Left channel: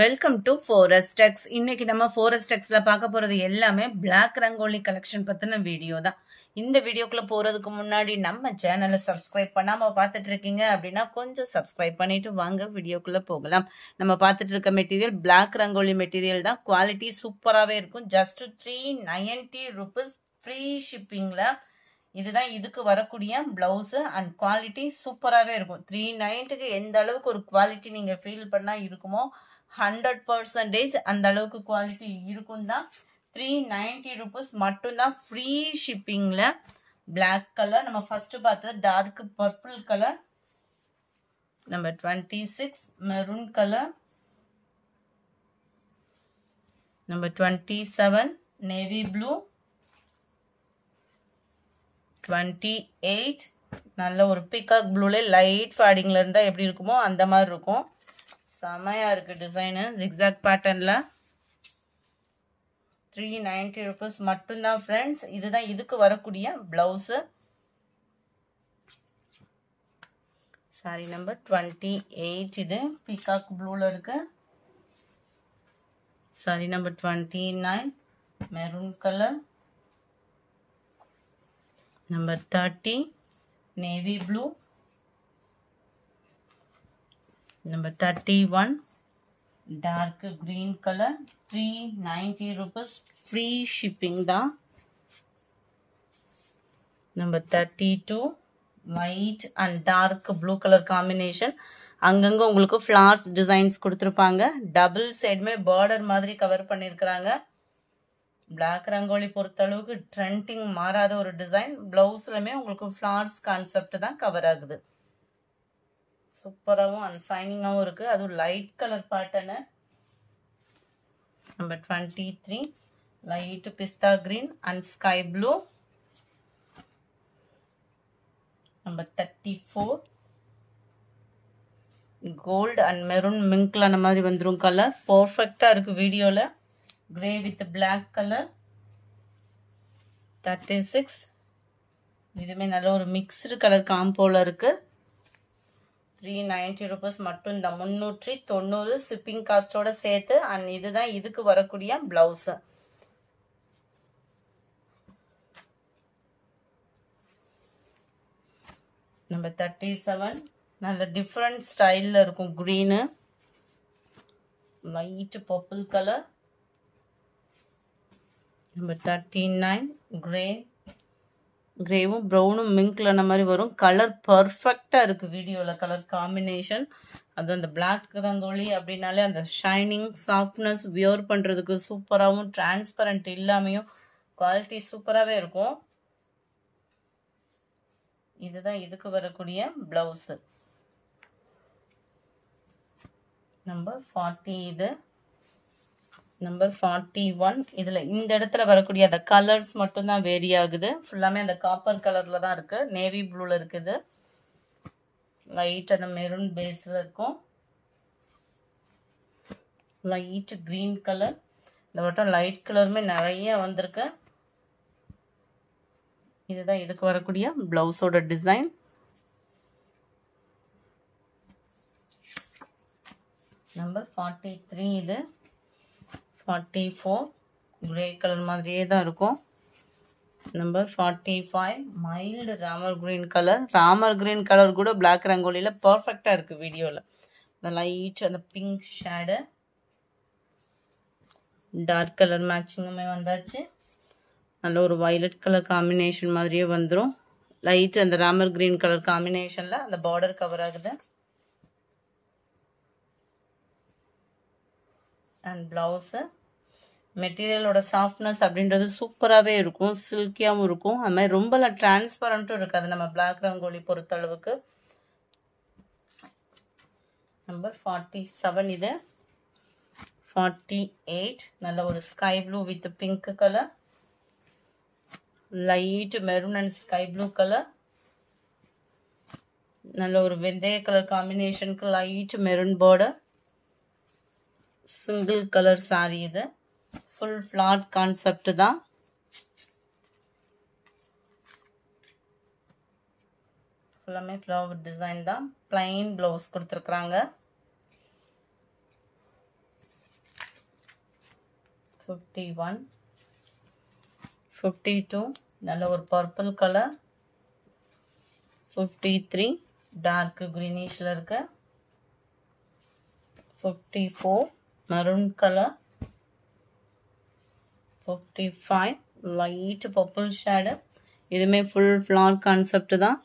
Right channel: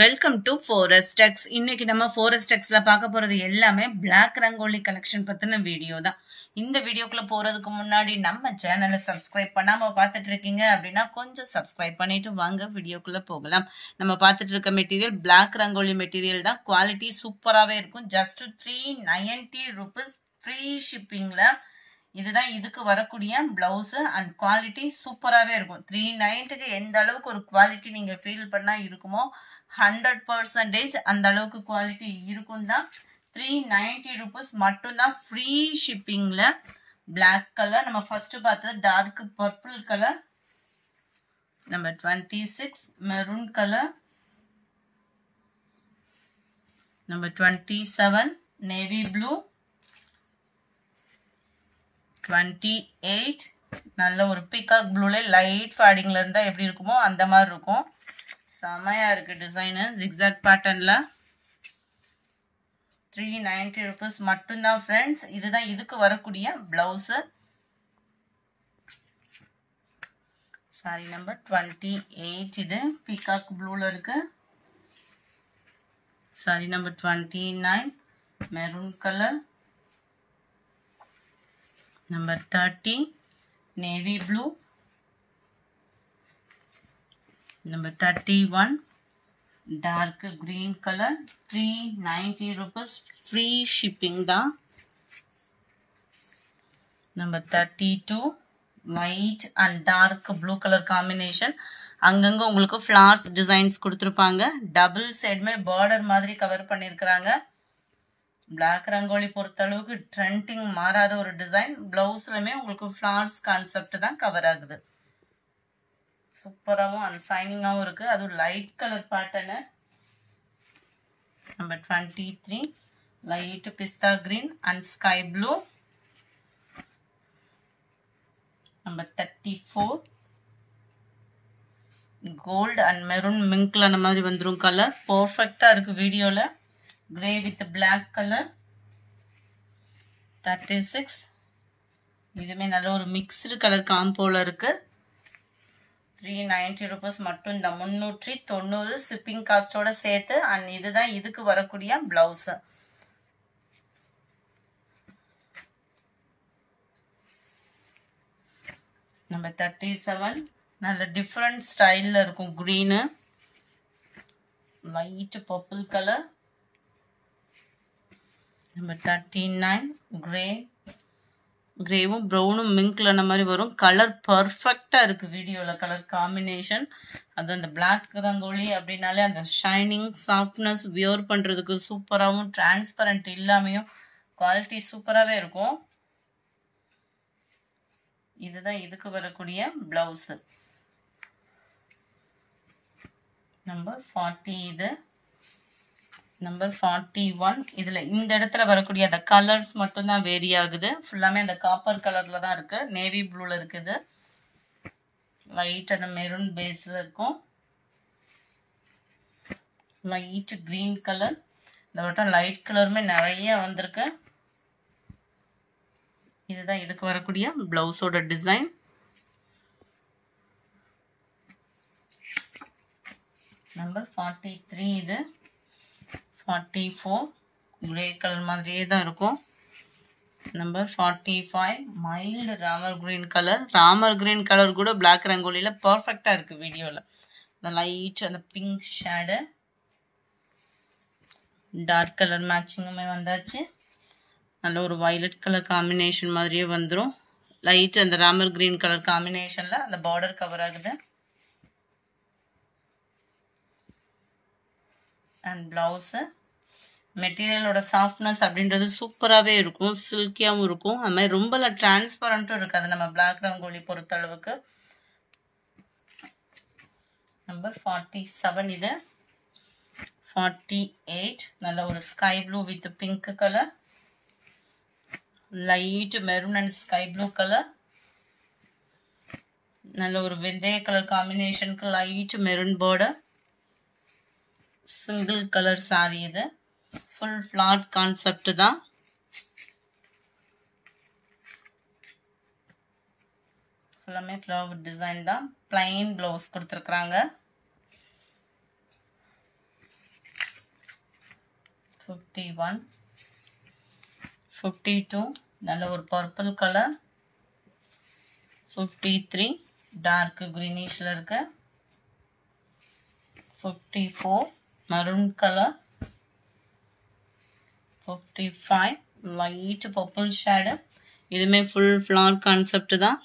Welcome to Forestex. இன்னைக்கு நம்ம Forestexல பார்க்க போறது எல்லாமே Black ரங்கோலி கலெக்ஷன் பத்தின வீடியோ தான். இந்த வீடியோக்குள்ள போறதுக்கு முன்னாடி நம்ம சேனலை சப்ஸ்கிரைப் பண்ணாம பார்த்துட்டு இருக்கீங்க அப்படின்னா கொஞ்சம் சப்ஸ்கிரைப் பண்ணிட்டு வாங்க வீடியோக்குள்ள போகலாம். நம்ம பார்த்துட்டு இருக்க மெட்டீரியல் Black ரங்கோலி மெட்டீரியல் தான். குவாலிட்டி சூப்பராகவே இருக்கும். ஜஸ்ட் 390 rupees ஃப்ரீ ஷிப்பிங்ல. இதுதான் இதுக்கு வரக்கூடிய பிளவுஸ் அண்ட் குவாலிட்டி சூப்பராகவே இருக்கும். 390க்கு எந்த அளவுக்கு ஒரு குவாலிட்டி நீங்க ஃபீல் பண்ணா இருக்குமோ 100% அந்த அளவுக்கு குவாலிட்டி இருக்கும் தான். 390 rupees மட்டும்தான் ஃப்ரீ ஷிப்பிங்ல. பிளாக் கலர் நம்ம ஃபர்ஸ்ட் பார்த்தது dark purple colour, number 26 maroon colour, number 27 navy blue, 28 நல்ல ஒரு பிகாக் ப்ளூல லைட் ஃபேடிங்ல இருந்தா எப்படி இருக்குமோ அந்த மாதிரி இருக்கும். செமையா இருக்கு டிசைனு ஜிக்ஸாக் பேட்டர்ன்ல. 390 rupees மட்டும்தான் ஃப்ரெண்ட்ஸ். இதுதான் இதுக்கு வரக்கூடிய பிளவுஸ். சாரி நம்பர் 28 இது பிகாக் ப்ளூல இருக்கு. Sorry number 29 maroon colour, number 30 navy blue, number 31 dark green color. 390 rupees free shipping da. Number 32 white and dark blue color combination. அங்கங்க உங்களுக்கு flowers designs கொடுத்திருப்பாங்க. டபுள் சைடுமே border மாதிரி கவர் பண்ணிருக்காங்க. Black rangoli பொறுத்த அளவுக்கு ட்ரெண்டிங் மாறாத ஒரு டிசைன். பிளவுஸ்லமே உங்களுக்கு flowers கான்செப்ட் தான் கவர் ஆகுது. சூப்பராகவும் அண்ட் சைனிங்காகவும் இருக்கு. அது light colour pattern. Number 23 light pista green and sky blue. Number 34 gold and maroon மிங்க்ல அந்த மாதிரி வந்துடும் கலர். பர்ஃபெக்டா இருக்கு வீடியோல. Grey with black colour. 36 இதுமே நல்ல ஒரு மிக்ஸ்டு கலர் காம்போல இருக்கு. 390 rupees மட்டும். இந்த 390 ஷிப்பிங் காஸ்டோட சேர்த்து. அண்ட் இதுதான் இதுக்கு வரக்கூடிய பிளவுஸ். நம்பர் 37 நல்ல டிஃப்ரெண்ட் ஸ்டைல்ல இருக்கும். Green light purple colour. Number 39 grey, கிரேவும் ப்ரௌனும் மிங்க்ல அந்த மாதிரி வரும். கலர் பர்ஃபெக்டா இருக்கு வீடியோல கலர் காம்பினேஷன். அது அந்த பிளாக் ரங்கோலி அப்படின்னாலே அந்த ஷைனிங் சாஃப்ட்னஸ் வியர் பண்றதுக்கு சூப்பராகவும் டிரான்ஸ்பரண்ட் இல்லாமையும் குவாலிட்டி சூப்பராகவே இருக்கும். இதுதான் இதுக்கு வரக்கூடிய பிளவுஸ். நம்பர் 40 இது. நம்பர் 41 இதுல இந்த இடத்துல வரக்கூடிய அந்த கலர்ஸ் மட்டும் தான் வேரி ஆகுது. ஃபுல்லாமே அந்த காப்பர் கலர்ல தான் இருக்கு. நேவி ப்ளூல இருக்குது. லைட் அந்த மெரூன் பேஸ்ல இருக்கும். Light green colour. இந்த வட்டம் லைட் கலருமே நிறைய வந்திருக்கு. இதுதான் இதுக்கு வரக்கூடிய பிளவுஸோட டிசைன். நம்பர் 43 இது. 44 கிரே கலர் மாதிரியே தான் இருக்கும். Number 45 mild Ramar green colour. Ramar green colour கூட பிளாக் ரங்கோலியில பர்ஃபெக்டா இருக்கு வீடியோல. இந்த லைட் அந்த பிங்க் ஷேடு டார்க் கலர் மேட்சிங்குமே வந்தாச்சு. நல்ல ஒரு வயலட் கலர் காம்பினேஷன் மாதிரியே வந்துடும். லைட் அந்த ராமர் கிரீன் கலர் காம்பினேஷன்ல அந்த பார்டர் கவர் ஆகுது. அண்ட் பிளவுஸ் மெட்டீரியலோட சாஃப்ட்னஸ் அப்படின்றது சூப்பராகவே இருக்கும். சில்கியாகவும் இருக்கும். அது மாதிரி ரொம்ப டிரான்ஸ்பரண்ட்டும் இருக்காது நம்ம பிளாக் ரங்கோலி பொறுத்த அளவுக்கு. நம்பர் 47 இது. 48 நல்ல ஒரு sky blue with pink colour. Light maroon and sky blue colour. நல்ல ஒரு வெந்தய கலர் காம்பினேஷனுக்கு light maroon border. Single colour sari இது. ஃபுல் ஃபிளாட் கான்செப்ட் தான். ஃபுல்லாமே ஃப்ளவர் டிசைன் தான். பிளைன் பிளவுஸ் கொடுத்துருக்குறாங்க. 51, 52 நல்ல ஒரு பர்பிள் கலர், 53 டார்க் கிரீனிஷ்ல இருக்கு, 54 maroon colour, 55 light purple shade. இதுமே ஃபுல் ஃப்ளார் கான்செப்ட் தான்.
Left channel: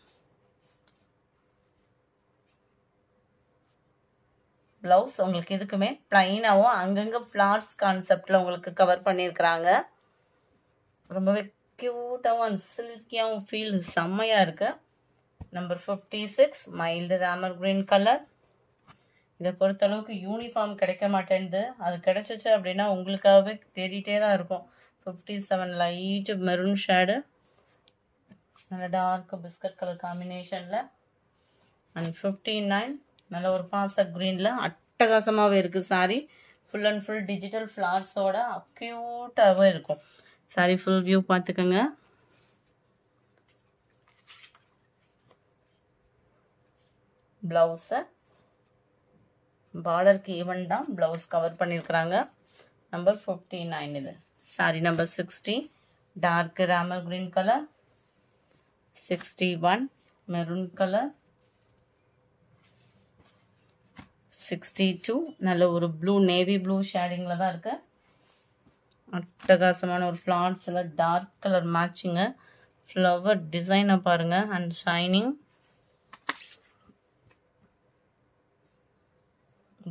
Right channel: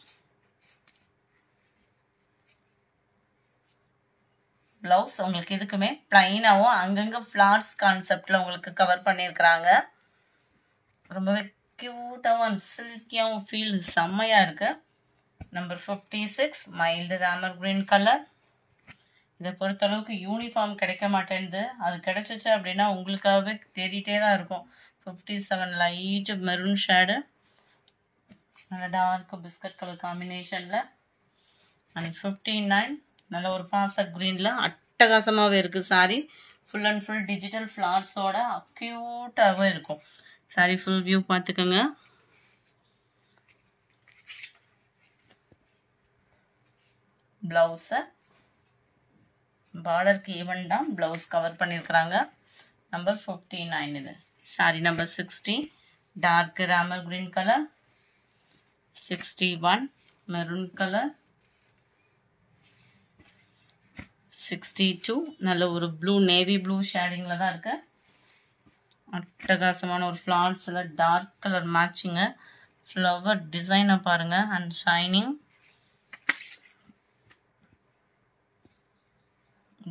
பிளவுஸ் உங்களுக்கு இதுக்குமே பிளைனாவும் அங்கங்க ஃப்ளார்ஸ் கான்செப்ட்ல உங்களுக்கு கவர் பண்ணியிருக்கிறாங்க. ரொம்பவே கியூட்டாகவும் சில்கியாகவும் ஃபீல் செம்மையா இருக்கு. Number 56 mild Ramar green colour. இதை பொறுத்தளவுக்கு யூனிஃபார்ம் கிடைக்க மாட்டேங்குது. அது கிடைச்சிச்சு அப்படின்னா உங்களுக்காகவே தேடிட்டே தான் இருக்கும். 57 லைட் மெரூன் ஷேடு, நல்ல டார்க் பிஸ்கட் கலர் காம்பினேஷன்ல. அண்ட் 59 நல்ல ஒரு பாச கிரீன்ல அட்டகாசமாகவே இருக்கு. Sari full and full digital ஃப்ளார்ஸோட க்யூட்டாகவே இருக்கும். சாரி ஃபுல் வியூ பார்த்துக்கோங்க. பிளவுஸை பார்டருக்கு ஈவன் தான் பிளவுஸ் கவர் பண்ணியிருக்கிறாங்க. நம்பர் 59 இது. Sari number 60 dark Ramar green colour, 61 maroon colour, 62 நல்ல ஒரு ப்ளூ நேவி ப்ளூ ஷேடிங்கில் தான் இருக்கு. அட்டகாசமான ஒரு ஃப்ளார்ஸில் டார்க் கலர் மேட்சிங்கு, ஃப்ளவர் டிசைனை பாருங்க அண்ட் ஷைனிங்.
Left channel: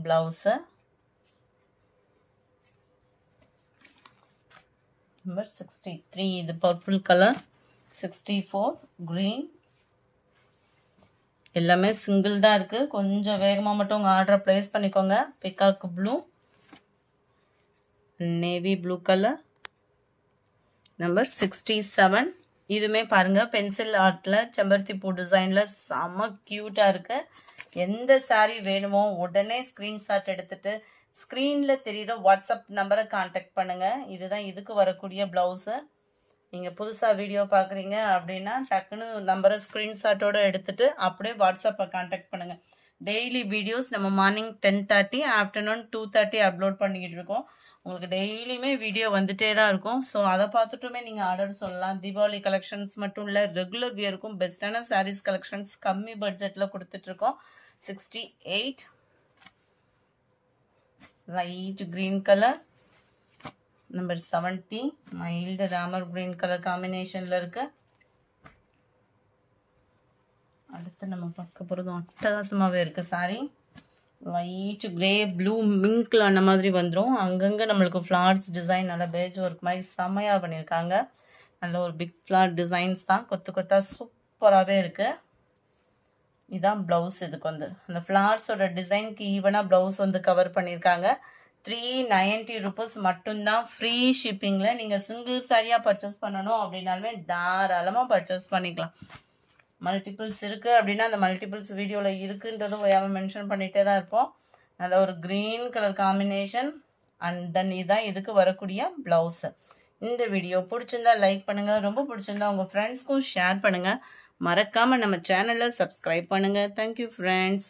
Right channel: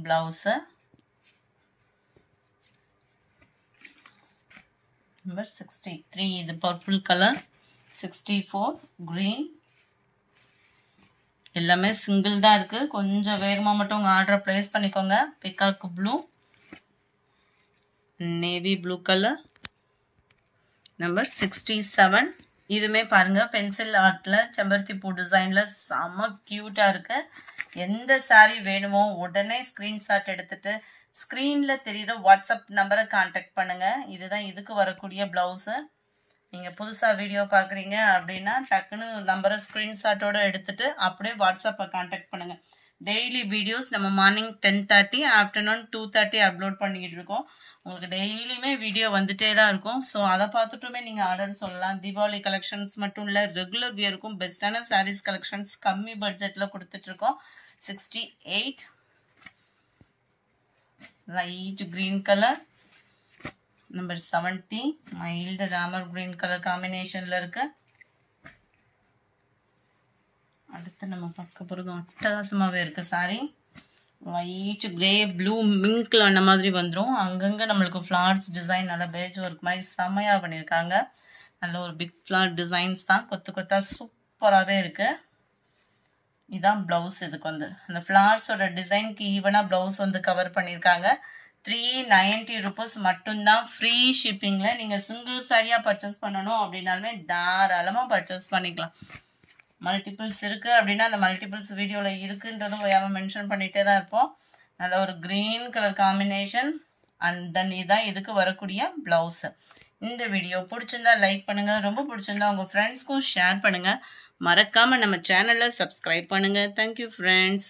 பிளவுஸை நம்பர் 63 இது பர்பிள் கலர், 64 கிரீன். எல்லாமே சிங்கிள் தான் இருக்கு. கொஞ்சம் வேகமாக மட்டும் உங்கள் ஆர்டரை பிளேஸ் பண்ணிக்கோங்க. Peacock blue, navy blue colour. Number 67 இதுமே பாருங்க பென்சில் ஆர்ட்ல செம்பருத்தி பூ டிசைன்ல செம்ம கியூட்டா இருக்கு. எந்த சாரீ வேணுமோ உடனே ஸ்கிரீன்ஷாட் எடுத்துட்டு ஸ்கிரீன்ல தெரியுற வாட்ஸ்அப் நம்பரை கான்டாக்ட் பண்ணுங்க. இதுதான் இதுக்கு வரக்கூடிய பிளவுஸ். நீங்க புதுசா வீடியோ பாக்குறீங்க அப்படின்னா டக்குன்னு நம்பரை ஸ்கிரீன்ஷாட்டோட எடுத்துட்டு அப்படியே வாட்ஸ்அப்பை கான்டாக்ட் பண்ணுங்க. டெய்லி வீடியோஸ் நம்ம மார்னிங் 10:30 ஆஃப்டர்நூன் 2:30 அப்லோட் பண்ணிக்கிட்டு இருக்கோம். உங்களுக்கு டெய்லியுமே வீடியோ வந்துட்டே தான் இருக்கும். ஸோ அதை பார்த்துட்டுமே நீங்கள் ஆர்டர் சொல்லலாம். தீபாவளி கலெக்ஷன்ஸ் மட்டும் இல்லை, ரெகுலர் வியருக்கும் பெஸ்ட்டான சாரீஸ் கலெக்ஷன்ஸ் கம்மி பட்ஜெட்டில் கொடுத்துட்ருக்கோம். 68 light green colour, number 70 mild Ramar green colour காம்பினேஷனில் இருக்கு. அடுத்து நம்ம பார்க்க போகிறது அட்டகாசமாகவே இருக்குது சாரி. லைட் கிரே ப்ளூ மிங்க்ல அந்த மாதிரி வந்துடும். அங்கங்கே நம்மளுக்கு ஃப்ளார்ஸ் டிசைன் நல்லா பேஜ் ஒர்க் மாதிரி செம்மையாக பண்ணியிருக்காங்க. நல்ல ஒரு பிக் ஃப்ளார் டிசைன்ஸ் தான், கொத்து கொத்தா சூப்பராகவே இருக்குது. இதுதான் ப்ளவுஸ். இதுக்கு வந்து அந்த ஃப்ளார்ஸோட டிசைனுக்கு ஈவனாக ப்ளவுஸ் வந்து கவர் பண்ணியிருக்காங்க. 390 rupees மட்டும்தான் ஃப்ரீ ஷிப்பிங்கில். நீங்கள் சிங்கிள் சாரியாக பர்ச்சேஸ் பண்ணணும் அப்படின்னாலுமே தாராளமாக பர்ச்சேஸ் பண்ணிக்கலாம். மல்டிபிள்ஸ் இருக்குது அப்படின்னா அந்த மல்டிபிள்ஸ் வீடியோவில் இருக்குன்றதும் ஓயாமல் மென்ஷன் பண்ணிகிட்டே தான் இருப்போம். நல்ல ஒரு green colour combination and then இதுதான் இதுக்கு வரக்கூடிய ப்ளவுஸு. இந்த வீடியோ பிடிச்சிருந்தா லைக் பண்ணுங்கள், ரொம்ப பிடிச்சிருந்தா உங்கள் ஃப்ரெண்ட்ஸ்க்கும் ஷேர் பண்ணுங்கள். மறக்காமல் நம்ம சேனலை சப்ஸ்கிரைப் பண்ணுங்கள். Thank you friends.